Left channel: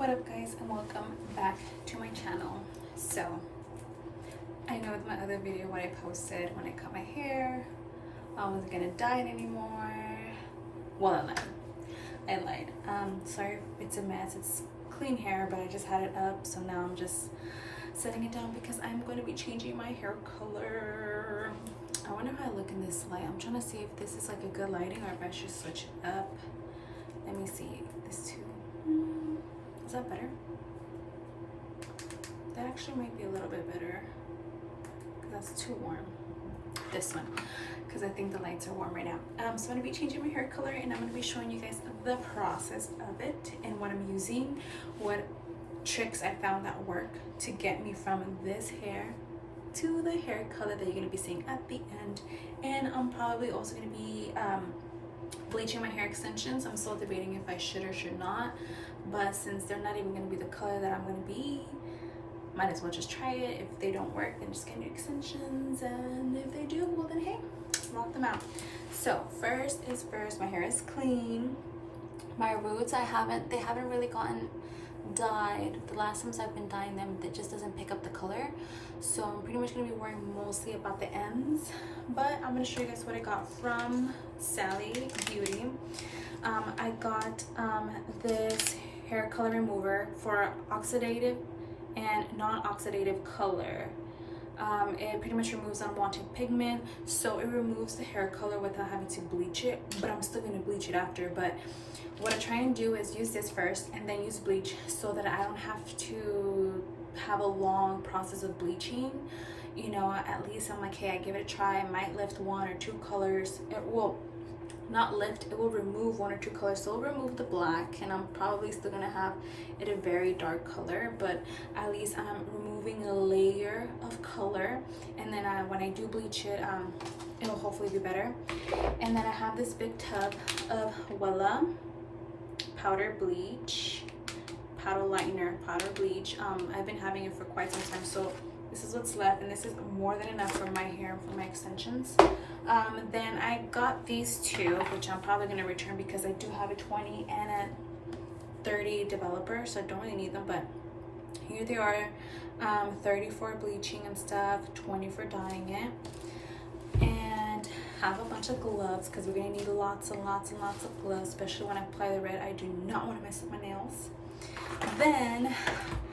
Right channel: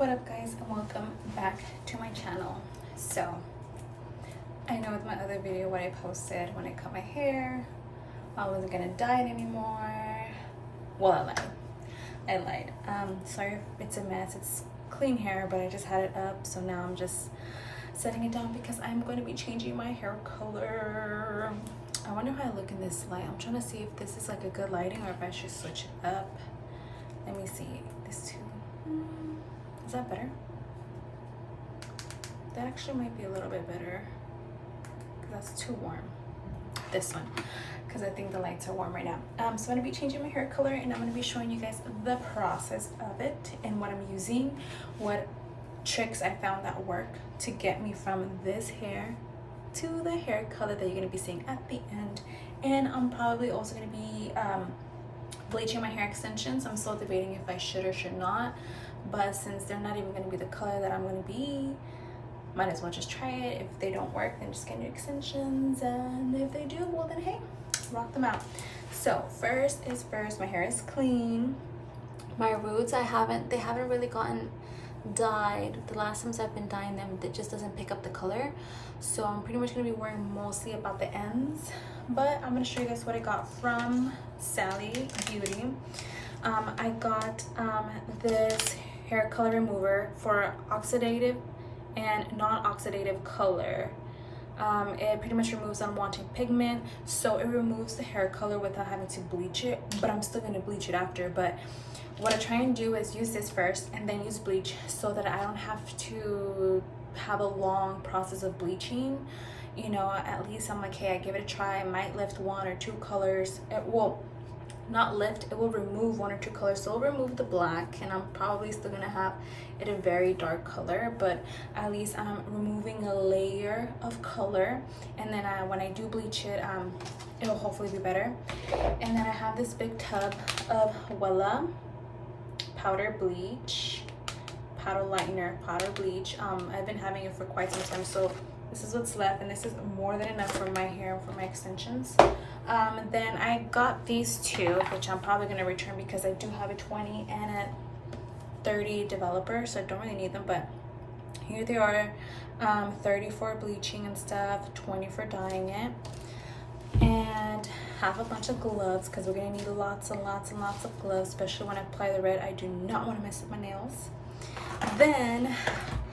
What up guys, and welcome back to my channel. So I know with my other video what I posted when I cut my hair, I wasn't gonna dye it anymore. Well, I lied. Sorry if it's a mess. It's clean hair, but I just had it up, so now I'm just setting it down because I'm going to be changing my hair color. I wonder how I look in this light. I'm trying to see if this is like a good lighting or if I should switch it up. Let me see. This too. Is that better? That actually might be a little bit better because that's too warm. This one, because I think the lights are warm right now. So I'm going to be changing my hair color and I'm going to be showing you guys the process of it and what I'm using, what tricks I found that work to get me from this hair to the hair color that you're going to be seeing at the end. And I'm probably also going to be bleaching my hair extensions. I'm still debating if I should or should not, but since they're not even going to be the color that I'm going to be, might as well just try it. If they don't work, then just get new extensions, and if they do, well then hey, rock them out. So first is first, my hair is clean. My roots, they haven't really gotten dyed. The last times I've been dyeing them, it just doesn't pick up the color, so I'm pretty much going to be worrying mostly about the ends. But I'm going to show you guys what I got from Sally Beauty. I got this hair color remover for oxidative and non-oxidative color. It pretty much removes unwanted pigment, so it removes the hair color without having to bleach it, but I'm still going to bleach it after. But what I try and do is use this first and then use bleach so that I don't have to have a long process of bleaching. You know, at least I'm like, hey, I give it a try. I might lift one or two colors. It will not lift, it will remove one or two colors. So it'll remove the black, and I'm probably still gonna have it a very dark color, but at least I'm removing a layer of color. And then when I do bleach it, it'll hopefully be better. And then I have this big tub of Wella powder bleach, powder lightener, powder bleach. I've been having it for quite some time, so this is what's left, and this is more than enough for my hair and for my extensions. Then I got these two, which I'm probably going to return because I do have a 20 and a 30 developer, so I don't really need them, but here they are. 30 for bleaching and stuff, 20 for dyeing it, and have a bunch of gloves because we're going to need lots and lots and lots of gloves, especially when I apply the red. I do not want to mess up my nails. Then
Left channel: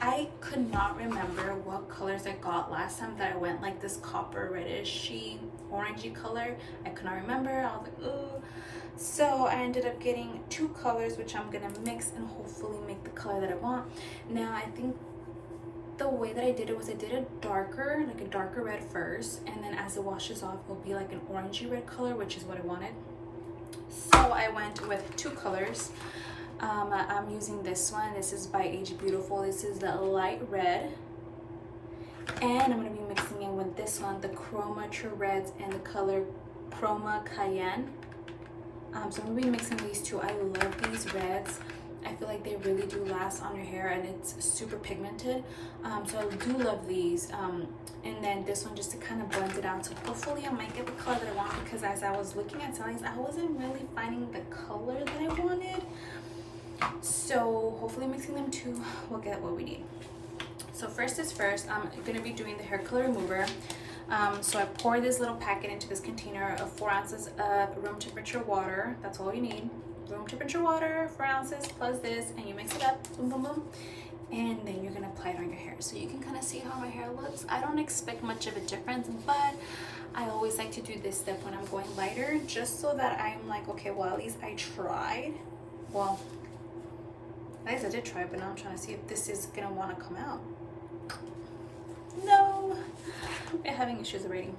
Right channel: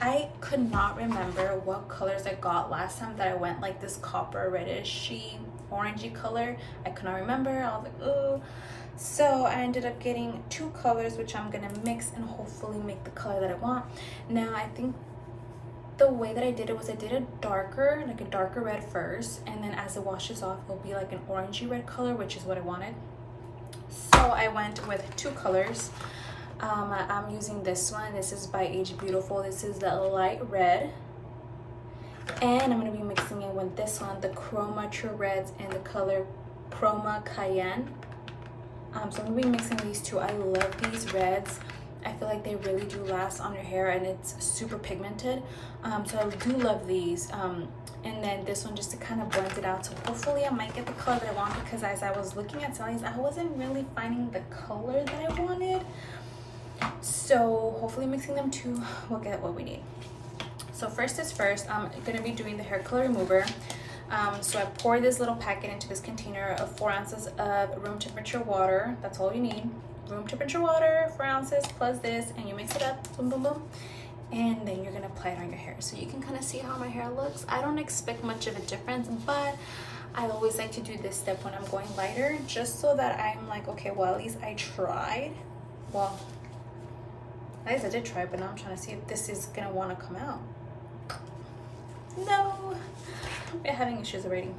I could not remember what colors I got last time that I went like this copper reddish-y orangey color. I could not remember. I was like, oh. So I ended up getting two colors, which I'm gonna mix and hopefully make the color that I want. Now I think the way that I did it was I did a darker, like a darker red first, and then as it washes off, it'll be like an orangey red color, which is what I wanted. So I went with two colors. I'm using this one. This is by Age Beautiful. This is the light red, and I'm going to be mixing it with this one, the Chroma True Reds and the color Chroma Cayenne. So I'm going to be mixing these two. I love these reds. I feel like they really do last on your hair, and it's super pigmented. So I do love these. And then this one just to kind of blend it out. So hopefully I might get the color that I want, because as I was looking at Sally's, I wasn't really finding the color that I wanted. So hopefully mixing them two, we'll get what we need. So first is first, I'm gonna be doing the hair color remover. So I pour this little packet into this container of 4 ounces of room temperature water. That's all you need. Room temperature water, 4 ounces plus this, and you mix it up, boom, boom, boom. And then you're gonna apply it on your hair. So you can kind of see how my hair looks. I don't expect much of a difference, but I always like to do this step when I'm going lighter, just so that I'm like, okay, well, at least I tried. Well, at least I did try, but now I'm trying to see if this is gonna want to come out. No, we're having issues already.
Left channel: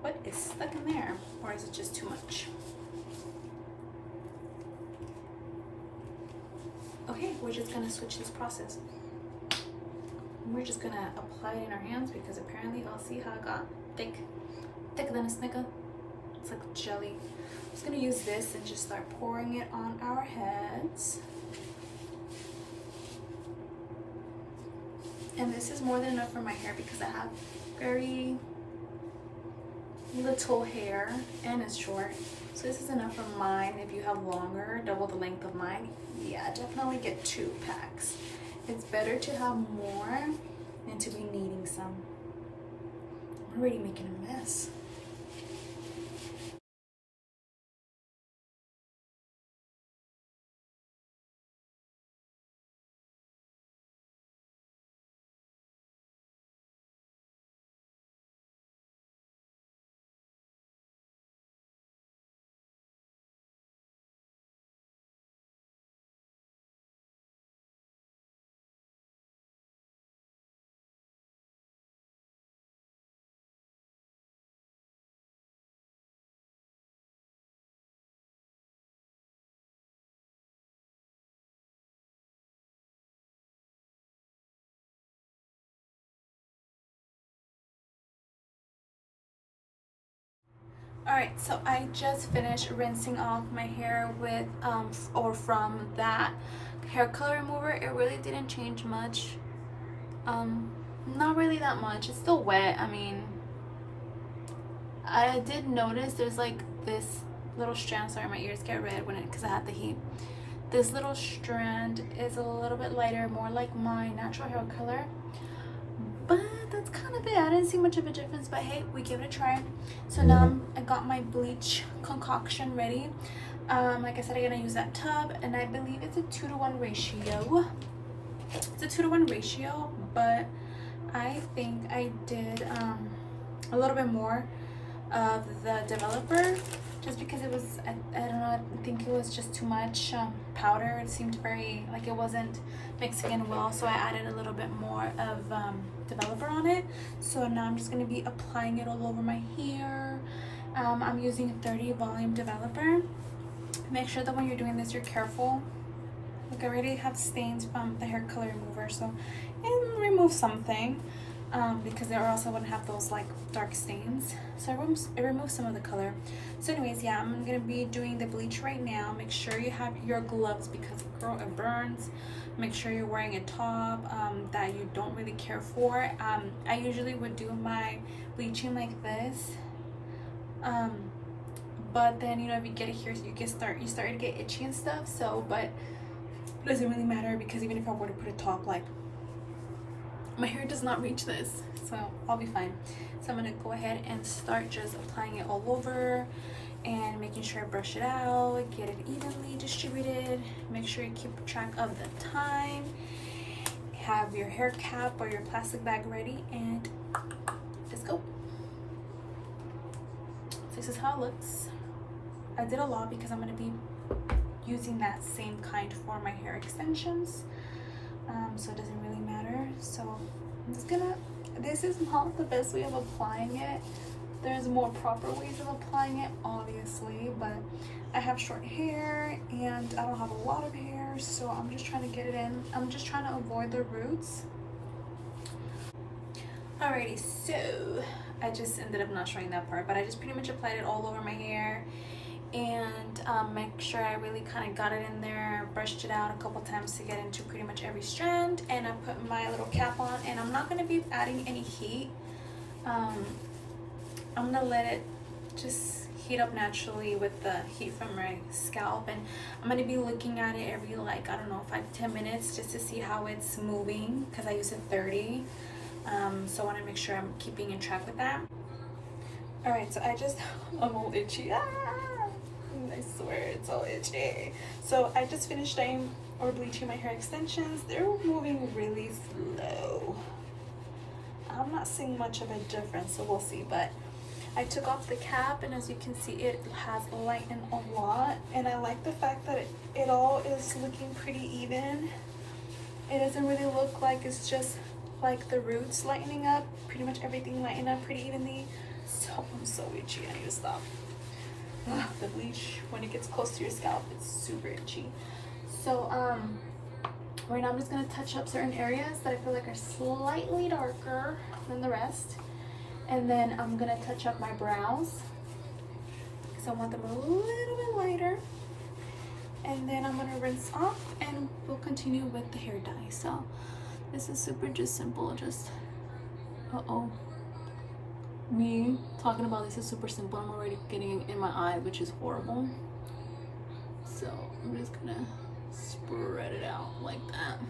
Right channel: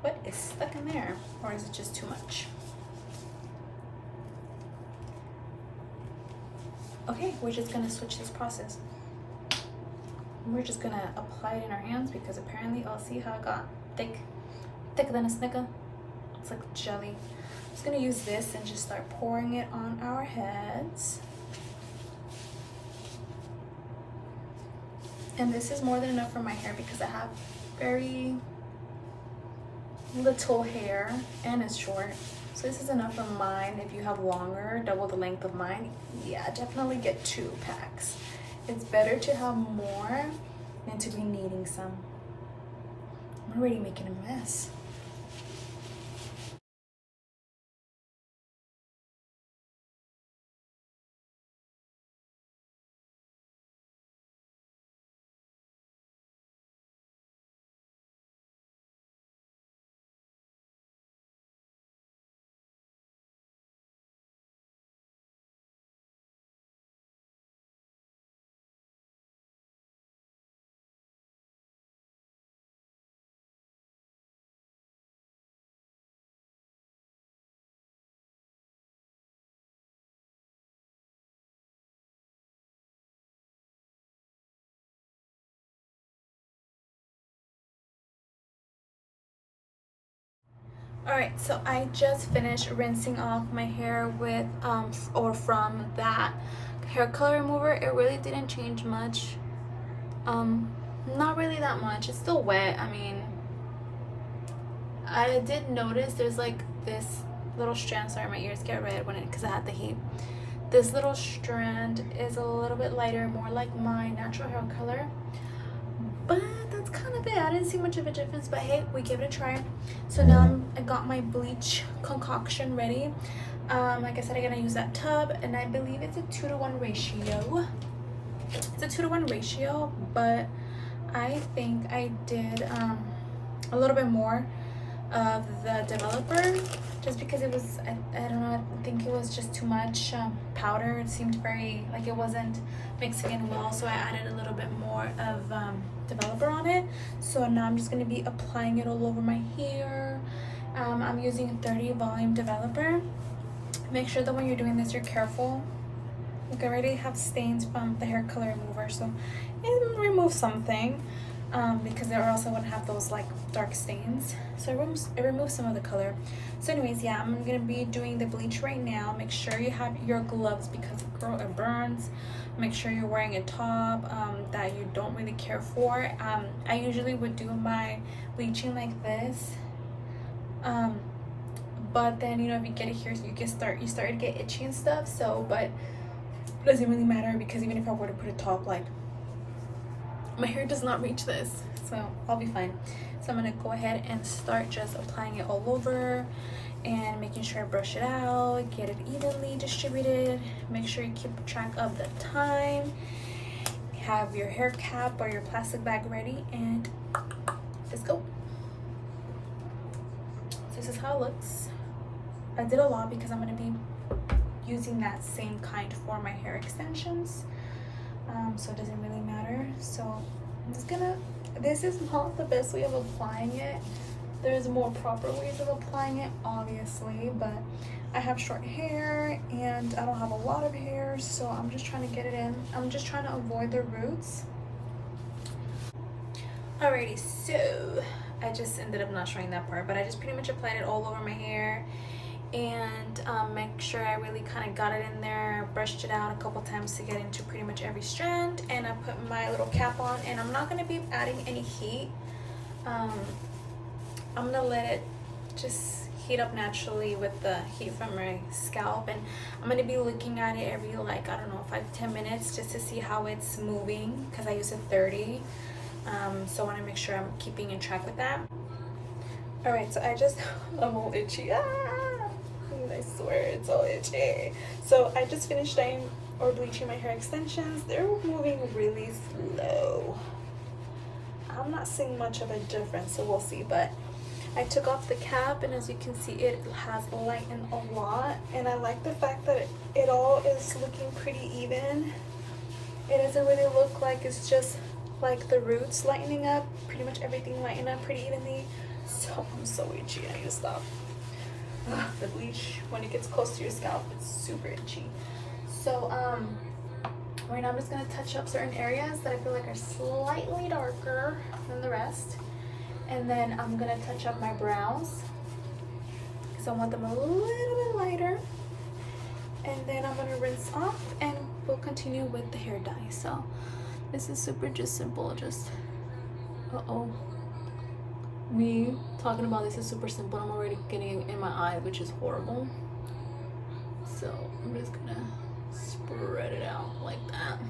What is stuck in there, or is it just too much? Okay, we're just gonna switch this process. We're just gonna apply it in our hands because apparently, I'll see how it got thicker than a Snicker. It's like jelly. I'm just gonna use this and just start pouring it on our heads. And this is more than enough for my hair because I have very little hair and it's short. So this is enough for mine. If you have longer, double the length of mine, yeah, definitely get 2 packs. It's better to have more than to be needing some. I'm already making a mess. Alright, so I just finished rinsing off my hair with or from that hair color remover. It really didn't change much. Not really that much. It's still wet. I mean, I did notice there's like this little strand. Sorry, my ears get red when because I had the heat. This little strand is a little bit lighter, more like my natural hair color. But that's kind of it. I didn't see much of a difference, but hey, we give it a try. So now I got my bleach concoction ready. Like I said, I'm gonna use that tub, and I believe it's a 2-to-1 ratio. It's a 2-to-1 ratio, but I think I did a little bit more of the developer just because it was, I don't know, I think it was just too much powder. It seemed very, like it wasn't mixing in well, so I added a little bit more of developer on it. So now I'm just going to be applying it all over my hair. I'm using 30 volume developer. Make sure that when you're doing this, you're careful. Like I already have stains from the hair color remover, so it removes something because or else I wouldn't have those like dark stains. So it removes some of the color. So anyways, yeah, I'm gonna be doing the bleach right now. Make sure you have your gloves because girl, it burns. Make sure you're wearing a top that you don't really care for. I usually would do my bleaching like this. But then, you know, if you get it here, you start to get itchy and stuff. So, but it doesn't really matter because even if I were to put a top, like my hair does not reach this, so I'll be fine. So I'm gonna go ahead and start just applying it all over and making sure I brush it out, get it evenly distributed. Make sure you keep track of the time. Have your hair cap or your plastic bag ready, and let's go. So this is how it looks. I did a lot because I'm gonna be using that same kind for my hair extensions, so it doesn't really matter. So I'm just gonna, this is not the best way of applying it. There's more proper ways of applying it, obviously, but I have short hair and I don't have a lot of hair, so I'm just trying to get it in. I'm just trying to avoid the roots. Alrighty, so I just ended up not showing that part, but I just pretty much applied it all over my hair, and make sure I really kind of got it in there, brushed it out a couple times to get into pretty much every strand, and I put my little cap on, and I'm not going to be adding any heat. I'm going to let it just heat up naturally with the heat from my scalp, and I'm going to be looking at it every, like, I don't know, 5-10 minutes just to see how it's moving because I use a 30. So I want to make sure I'm keeping in track with that. Alright, so I'm all itchy. I swear it's all itchy. So I just finished dyeing or bleaching my hair extensions. They're moving really slow. I'm not seeing much of a difference, so we'll see. But I took off the cap, and as you can see, it has lightened a lot. And I like the fact that it all is looking pretty even. It doesn't really look like it's just like the roots lightening up. Pretty much everything lightened up pretty evenly. So I'm so itchy. I need to stop. The bleach, when it gets close to your scalp, it's super itchy. So right now I'm just gonna touch up certain areas that I feel like are slightly darker than the rest, and then I'm gonna touch up my brows because I want them a little bit lighter, and then I'm gonna rinse off and we'll continue with the hair dye. So this is super just simple, just Me talking about this is super simple. I'm already getting it in my eye, which is horrible. So I'm just gonna spread it out like that.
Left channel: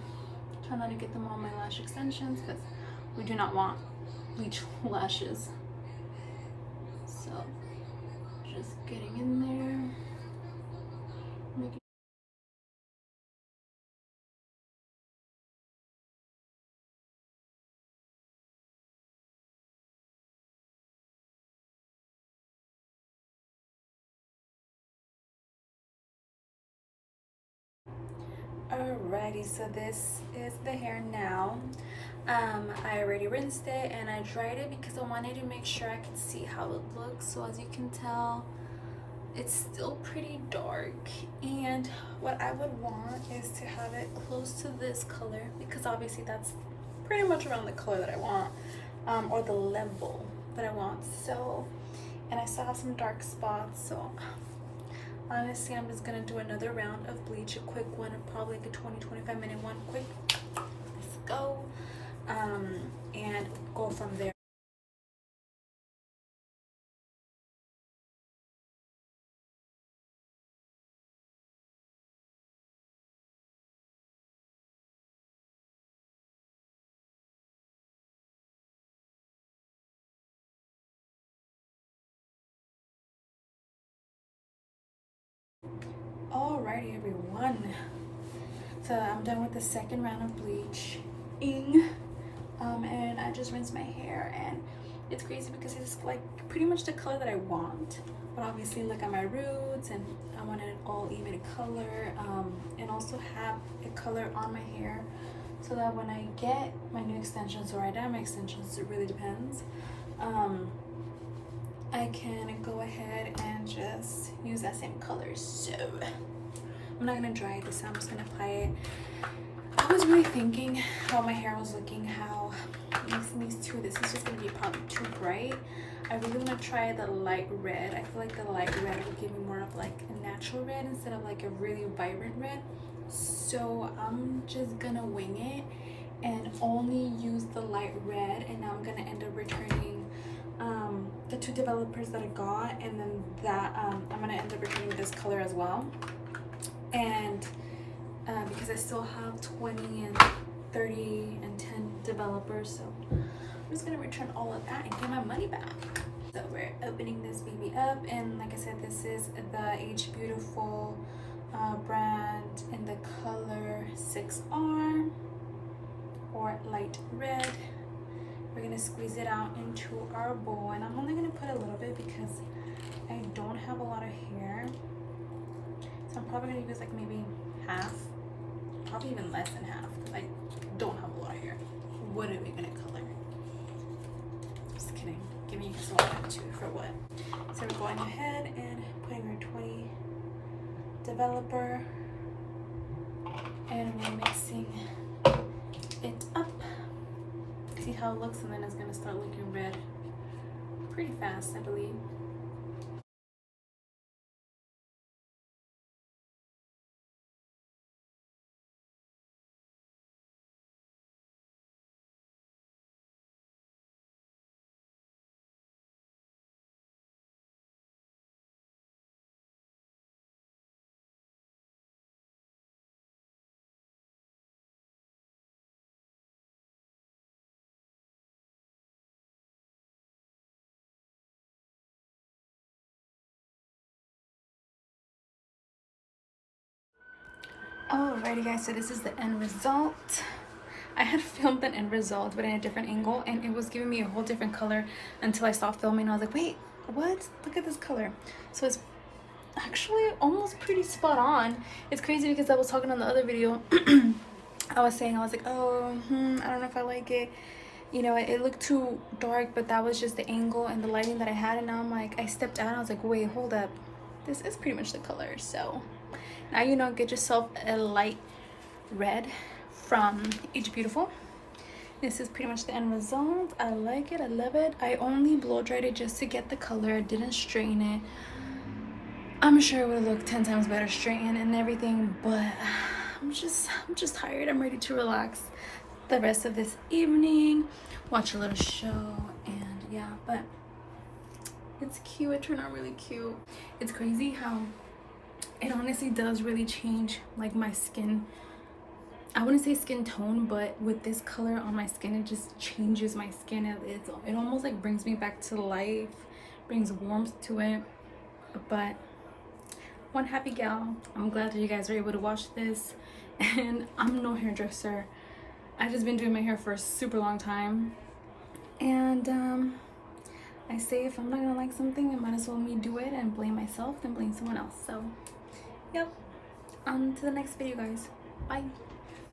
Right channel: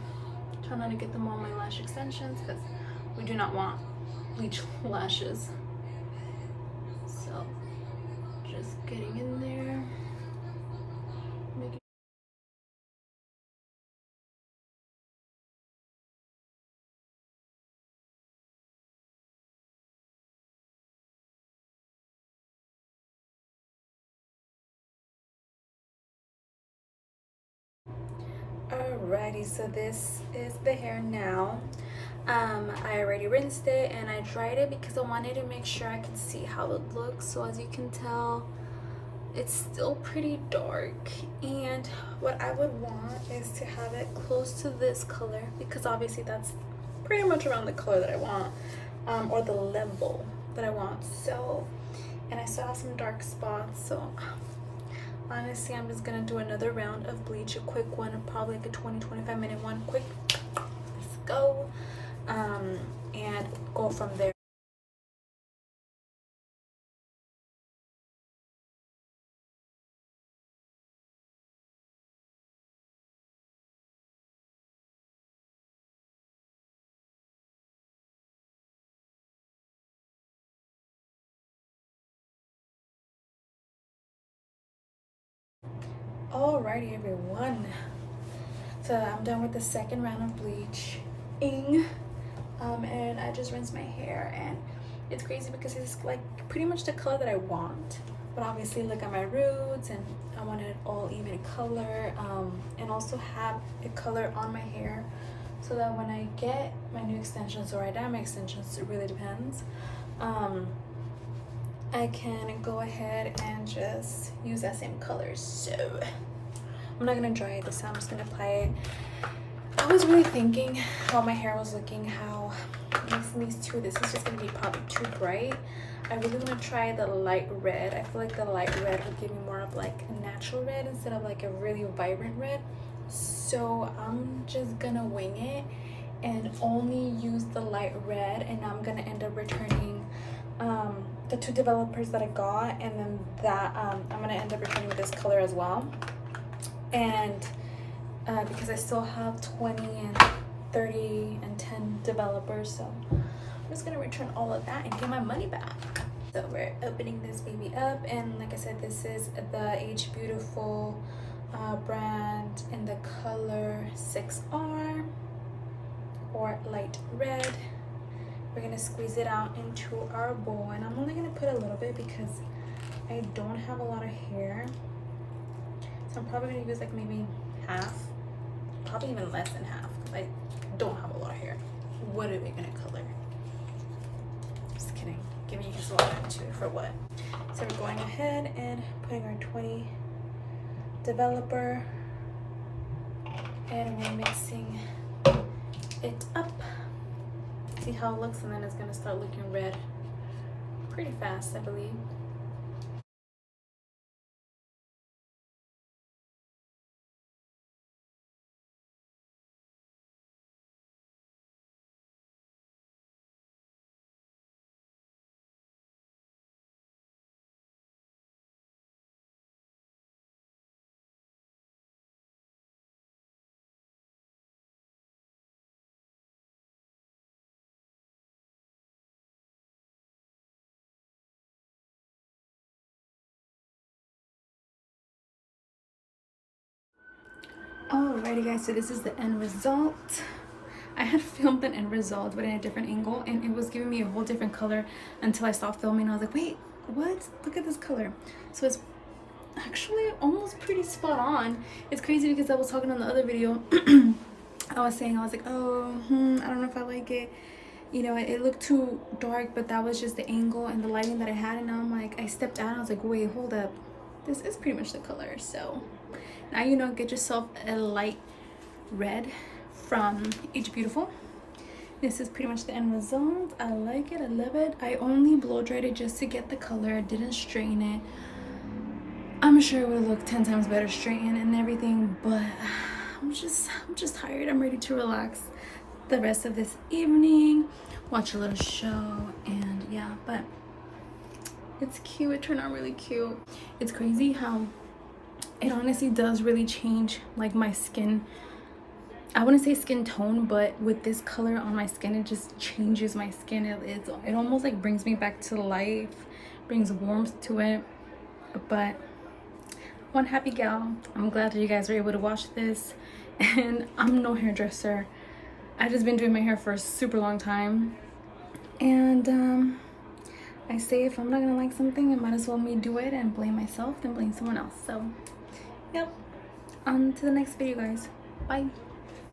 Try not to get them on my lash extensions because we do not want bleach lashes. So just getting in there, making. Alrighty, so this is the hair now. I already rinsed it and I dried it because I wanted to make sure I could see how it looks. So as you can tell, it's still pretty dark, and what I would want is to have it close to this color because obviously that's pretty much around the color that I want, or the level that I want. So, and I still have some dark spots, so honestly I'm just gonna do another round of bleach, a quick one, probably like a 20-25 minute one. Quick, let's go, and go from there. Alrighty everyone, so I'm done with the second round of bleaching, and I just rinsed my hair, and it's crazy because it's like pretty much the color that I want, but obviously look at my roots and I wanted it all even color, and also have a color on my hair so that when I get my new extensions, or I dye my extensions, it really depends, I can go ahead and just use that same color. So I'm not gonna dry it this time, I'm just gonna apply it. I was really thinking how my hair was looking, how mixing these two, this is just gonna be probably too bright. I really want to try the light red. I feel like the light red will give me more of like a natural red instead of like a really vibrant red. So I'm just gonna wing it and only use the light red, and I'm gonna end up returning the two developers that I got, and then that I'm gonna end up returning this color as well. And because I still have 20 and 30 and 10 developers, so I'm just gonna return all of that and get my money back. So we're opening this baby up, and like I said, this is the Age Beautiful brand in the color 6R or light red. We're gonna squeeze it out into our bowl, and I'm only gonna put a little bit because I don't have a lot of hair, so I'm probably gonna use like maybe half, probably even less than half. I don't have a lot of hair. What are we gonna color? Just kidding, giving you guys a lot of attitude for what? So we're going ahead and putting our 20 developer, and we're mixing it up. See how it looks, and then it's gonna start looking red pretty fast, I believe. Alrighty guys, so this is the end result. I had filmed the end result but in a different angle, and it was giving me a whole different color until I stopped filming. I was like, wait, what? Look at this color. So it's actually almost pretty spot on. It's crazy because I was talking on the other video. I was like, oh, I don't know if I like it. You know, it looked too dark, but that was just the angle and the lighting that I had. And now I'm like, I stepped out and I was like, wait, hold up. This is pretty much the color. So now you know, get yourself a light red from Age Beautiful. This is pretty much the end result. I like it, I love it. I only blow dried it just to get the color. I didn't straighten it. I'm sure it would look 10 times better straightened and everything, but I'm just tired. I'm ready to relax the rest of this evening, watch a little show, and yeah. But It's cute. It turned out really cute. It's crazy how it honestly does really change like my skin. I wouldn't say skin tone, but with this color on my skin, it just changes my skin. It almost like brings me back to life, brings warmth to it. But one happy gal. I'm glad that you guys were able to watch this. And I'm no hairdresser. I've just been doing my hair for a super long time. And I say if I'm not gonna like something, I might as well me do it and blame myself than blame someone else. So, yep. On to the next video, guys. Bye.